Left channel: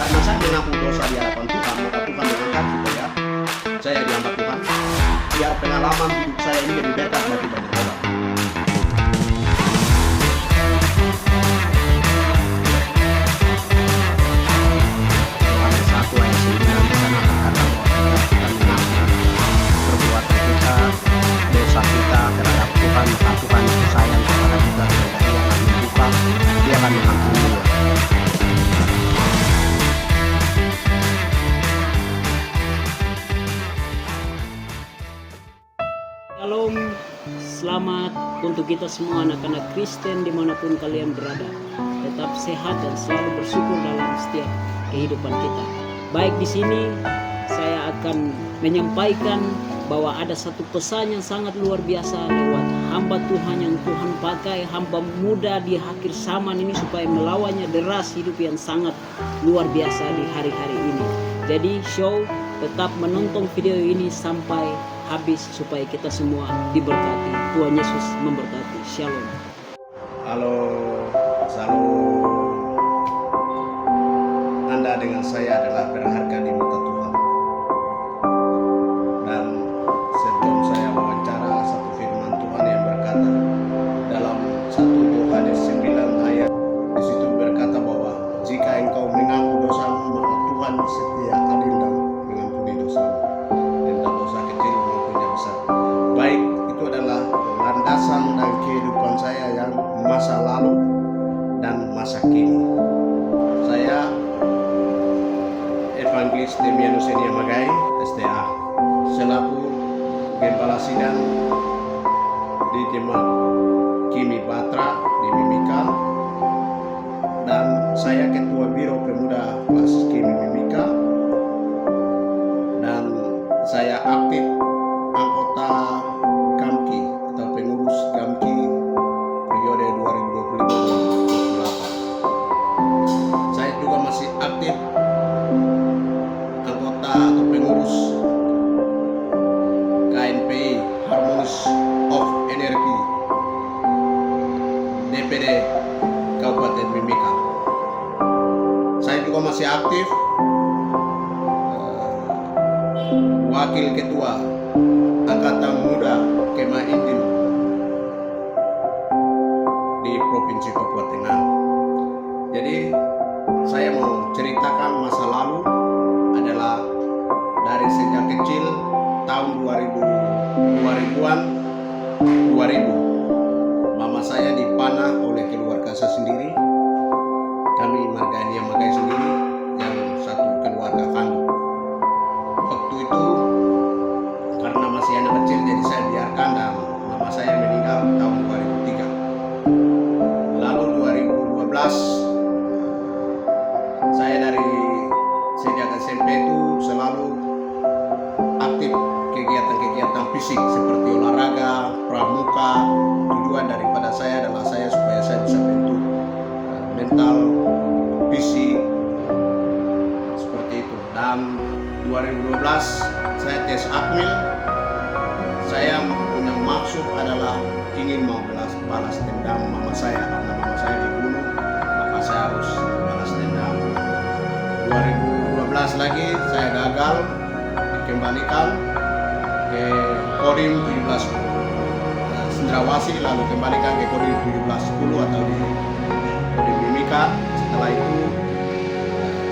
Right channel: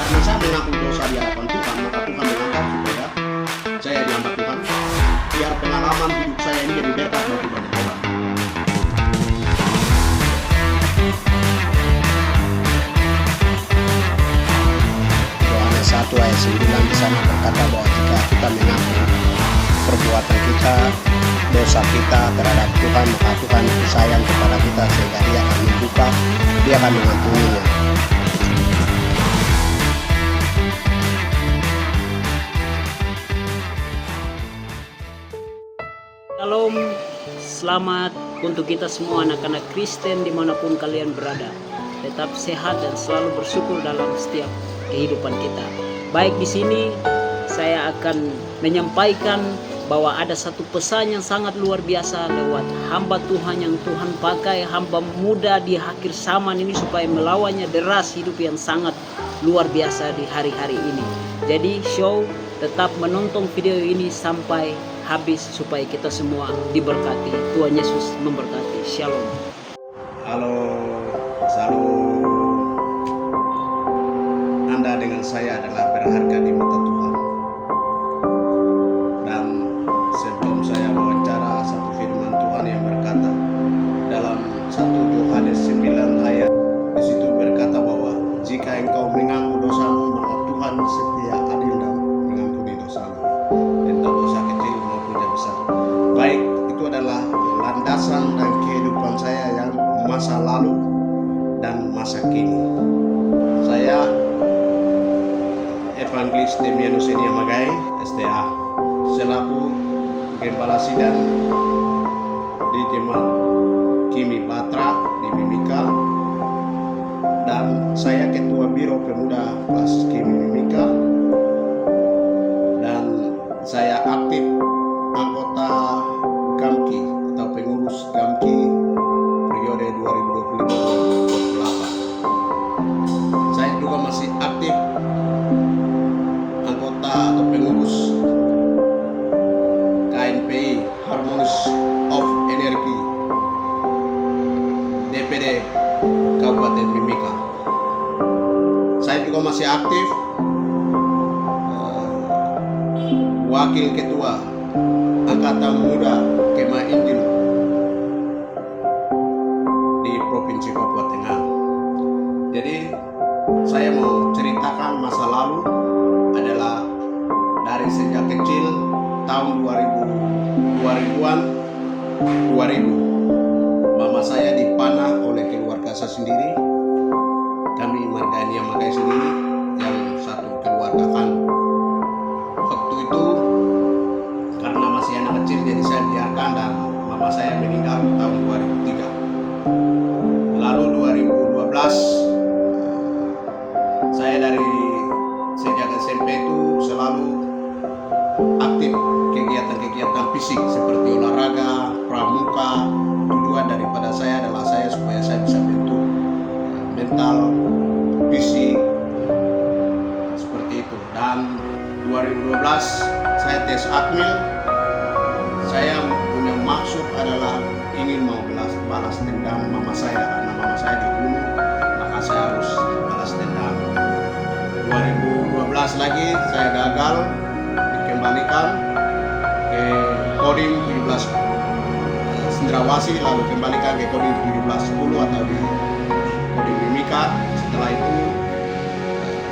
Karena saya mengaku dosa di hadapan Tuhan, maka Tuhan mengangkat supaya saya diangkat Tuhan, biar pengalaman hidup saya ini jadi berkat bagi banyak orang. Yohanes 1 ayat 9 di sana berkata bahwa jika kita mengaku perbuatan kita, dosa kita terhadap Tuhan, maka Tuhan itu sayang kepada kita sehingga Dia akan membuka, Dia akan mengampuninya. Shalom, selamat untuk kita semua anak-anak Kristen dimanapun kalian berada. Tetap sehat dan selalu bersyukur dalam setiap kehidupan kita. Baik, di sini saya akan menyampaikan bahwa ada satu pesan yang sangat luar biasa lewat hamba Tuhan yang Tuhan pakai, hamba muda di akhir zaman ini supaya melawannya deras hidup yang sangat luar biasa di hari-hari ini. Jadi tetap menonton video ini sampai habis supaya kita semua diberkati. Tuhan Yesus memberkati. Shalom. Halo, salam. Anda dengan saya adalah berharga di mata Tuhan. Dan sebelum saya wawancara satu firman Tuhan yang berkata dalam 1 Yohanes 9 ayat, di situ berkata bahwa jika engkau mengaku dosamu, maka Tuhan setia, adil dan mengampuni dosamu, entah dosa kecil maupun yang besar. Baik, itu adalah landasan dan kehidupan saya yang masa lalu dan masa kini. Saya Evangelis Demianus Enia Magai, STA, selaku Gembala Sidang di Jemaat Kimi Batra di Mimika, dan saya Ketua Biro Pemuda Kelas Kimi Mimika, dan saya aktif anggota GAMKI atau pengurus GAMKI periode 2025-2028. Saya juga masih aktif anggota atau pengurus KNPI Harmonies of Energy DPD Kabupaten Mimika. Saya juga masih aktif wakil ketua Angkatan Muda Kemah Injil di Provinsi Papua Tengah. Jadi saya mau ceritakan masa lalu adalah dari sejak kecil tahun 2000-an 2000 mama saya dipanah oleh keluarga saya sendiri, kami Margania Magai sendiri yang satu keluarga kandung. Waktu itu karena masih anak kecil jadi saya biarkan dan mama saya meninggal tahun 2003. Lalu 2012 saya dari sejak SMP itu selalu aktif kegiatan-kegiatan fisik seperti olahraga, pramuka. Tujuan daripada saya adalah supaya saya bisa bentuk mental, fisik, seperti itu. Dan 2012 saya tes akmil. Saya punya maksud adalah ingin mau balas dendam mama saya, karena mama saya dibunuh, maka saya harus balas dendam. 2012 lagi saya gagal dikembalikan ke Kodim 17 Sendrawasi, lalu kembalikan ke Kodim 1710 atau di Kodim Mimika. Setelah itu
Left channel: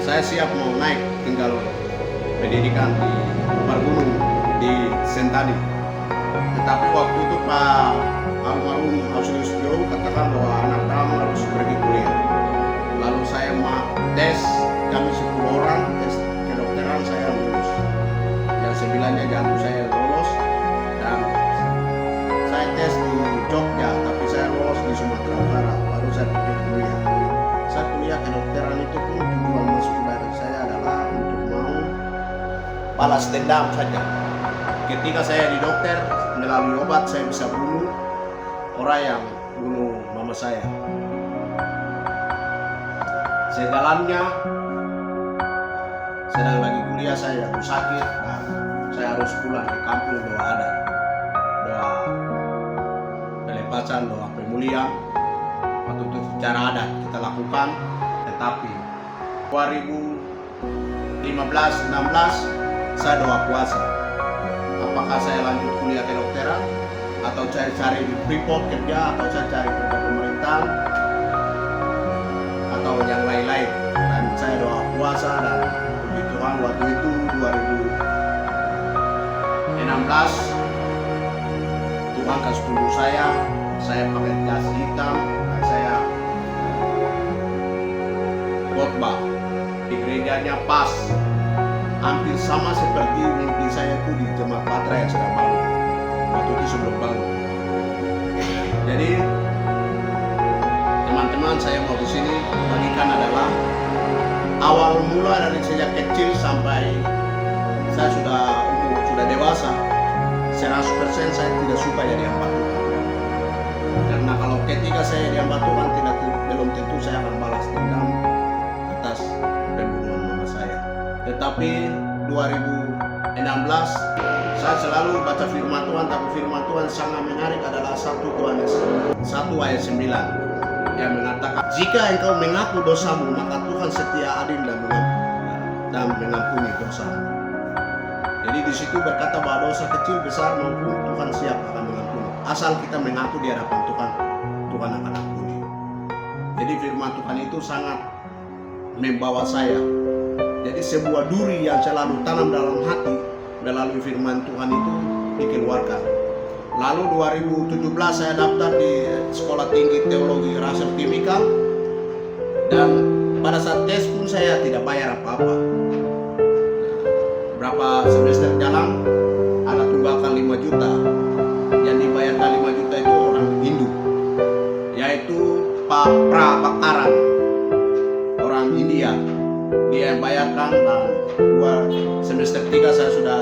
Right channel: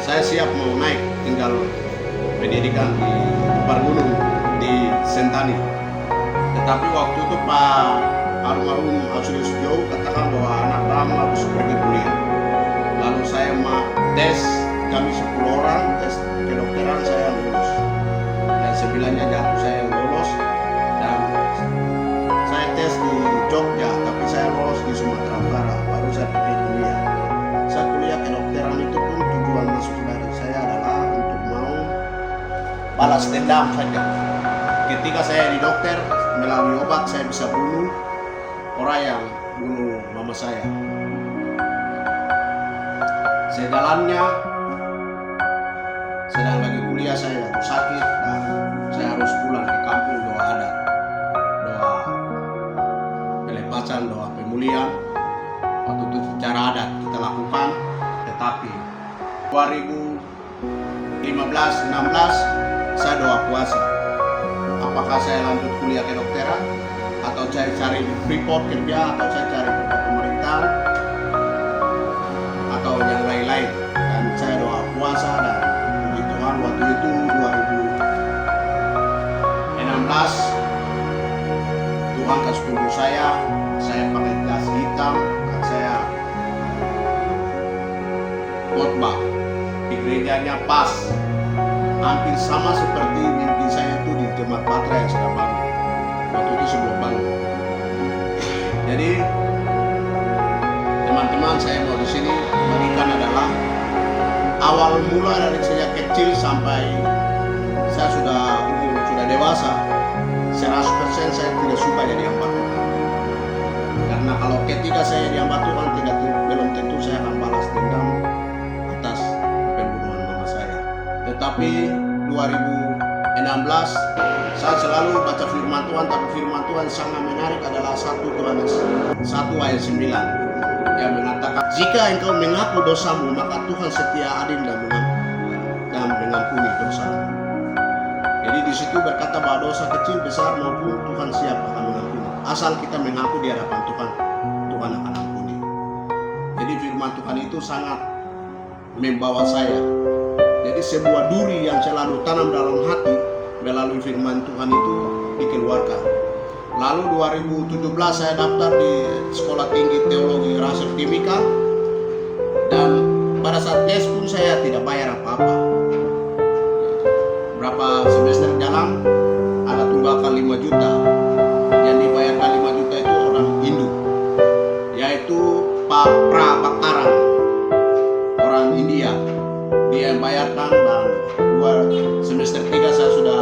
saya siap mau naik tinggal pendidikan di Kupar Gunung di Sentani. Tetapi waktu itu Pak almarhum Auxilius Joe katakan bahwa anak kamu harus pergi kuliah. Lalu saya tes, kami 10 orang tes kedokteran, saya lulus. Yang 9-nya jatuh saya lolos, dan saya tes di Jogja tapi saya lolos di Sumatera Utara, baru saya pergi kuliah. Saya kuliah kedokteran itu pun tujuan masuk dari saya adalah untuk mau balas dendam saja. Ketika saya di dokter, melalui obat saya bisa bunuh orang yang bunuh mama saya. Sejalannya sedang lagi kuliah saya jatuh sakit dan saya harus pulang ke kampung. Doa adat, doa pelepasan, doa pemulihan. Waktu itu secara adat kita lakukan, tetapi 2013 saya doa puasa. Apakah saya lanjut kuliah kedokteran, atau saya cari di Freeport kerja, atau saya cari kerja pemerintahan, atau yang lain-lain. Dan saya doa puasa, dan puji Tuhan waktu itu 2016 Tuhan kasih tunduk saya pakai jas hitam, dan saya khotbah di gerejanya pas hampir sama seperti mimpi saya itu di Jemaat Patra yang sudah bangun waktu itu sebelum bangun. Jadi teman-teman, saya mau di sini bagikan adalah awal mula dari sejak kecil sampai saya sudah dewasa. 100% saya tidak suka jadi hamba Tuhan. Karena kalau ketika saya jadi hamba Tuhan, belum tentu saya akan balas dendam atas pembunuhan mama saya. Tetapi 2016 saya selalu baca firman Tuhan, tapi firman Tuhan sangat menarik adalah 1 Yohanes 1 ayat 9 yang mengatakan, jika engkau mengaku dosamu, maka Tuhan setia, adil dan mengampuni dosamu. Jadi di situ berkata bahwa dosa kecil, besar maupun Tuhan siap akan mengampuni. Asal kita mengaku di hadapan Tuhan, Tuhan akan ampuni. Jadi firman Tuhan itu sangat membawa saya. Jadi sebuah duri yang selalu tanam dalam hati melalui firman Tuhan itu dikeluarkan. Lalu 2017 saya daftar di Sekolah Tinggi Teologi Raser Timika, dan pada saat tes pun saya tidak bayar apa-apa. Berapa semester jalan ada tunggakan 5 juta. Yang dibayarkan 5 juta itu orang Hindu, yaitu Pak Prabakaran, orang India. Dia yang bayarkan, dan 2 semester 3 saya sudah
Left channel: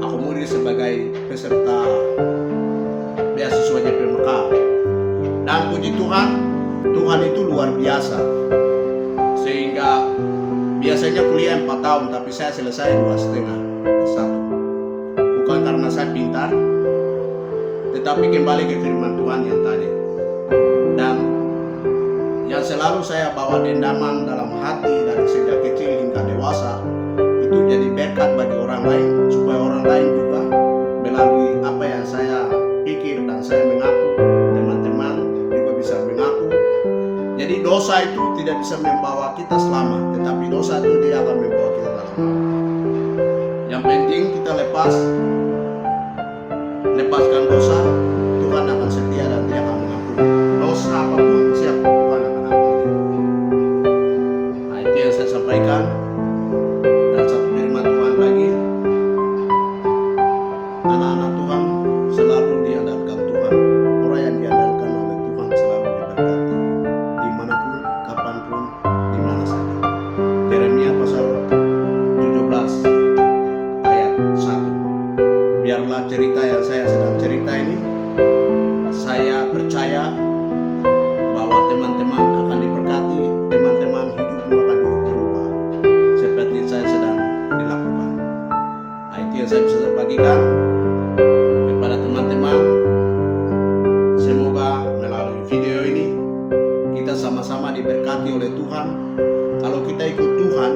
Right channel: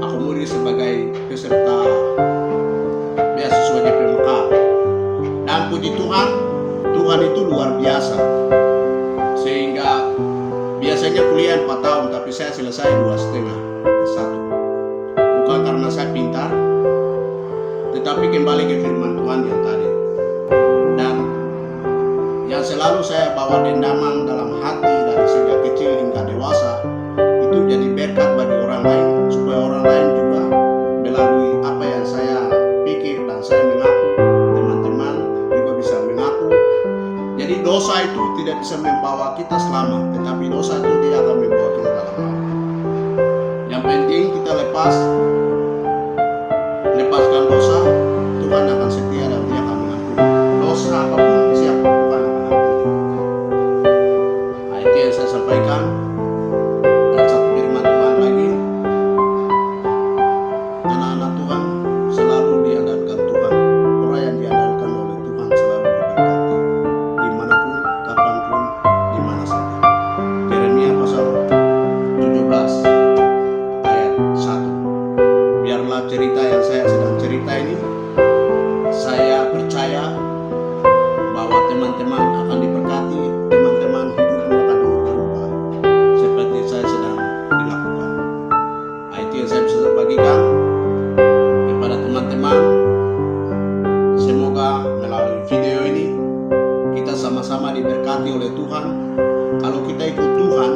akomodir sebagai peserta beasiswa JPMK. Dan puji Tuhan, Tuhan itu luar biasa. Sehingga biasanya kuliah 4 tahun, tapi saya selesai 2,5 S1. Bukan karena saya pintar, tetapi kembali ke firman Tuhan yang tadi. Dan yang selalu saya bawa dendaman dalam hati dari sejak kecil hingga dewasa, itu jadi berkat bagi orang lain, supaya orang lain juga melalui apa yang saya pikir dan saya mengaku, teman-teman juga bisa mengaku. Jadi dosa itu tidak bisa membawa kita selamat, tetapi dosa itu dia akan membawa kita dalam. Yang penting kita lepaskan dosa, Tuhan akan setia dan dia akan mengampuni. Dosa apapun siap Tuhan akan ampuni. Nah, itu yang saya sampaikan. Dan satu firman Tuhan lagi, anak-anak Tuhan selalu diandalkan Tuhan. Orang yang diandalkan oleh Tuhan selalu diberkati, dimanapun, kapanpun, dimana saja. Yeremia pasal 17 ayat 1. Biarlah cerita yang saya sedang cerita ini, saya percaya bahwa teman-teman akan diberkati, teman-teman hidupmu akan berubah seperti saya sedang dilakukan. Nah, itu yang saya bisa bagikan kepada teman-teman. Semoga melalui video ini kita sama-sama diberkati oleh Tuhan. Kalau kita ikut Tuhan,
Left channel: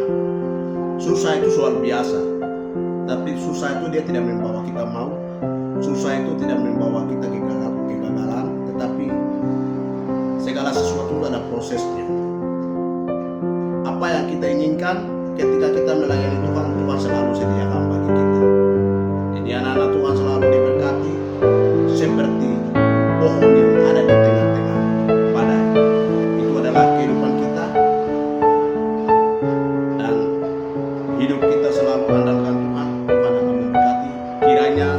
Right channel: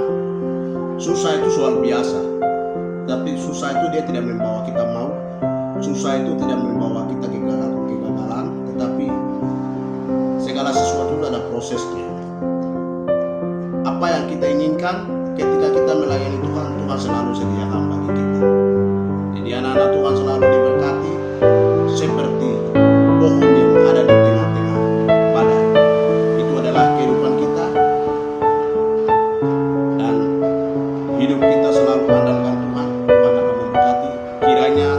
susah itu soal biasa, tapi susah itu dia tidak membawa kita mau, susah itu tidak membawa kita kegagalan, tetapi segala sesuatu ada prosesnya. Apa yang kita inginkan ketika kita melayani Tuhan, Tuhan selalu sediakan bagi kita. Jadi anak-anak Tuhan selalu diberkati seperti pohon yang ada di tengah-tengah badai. Itu adalah kehidupan kita, dan hidup kita selalu andalkan Tuhan. Tuhan akan memberkati. Kiranya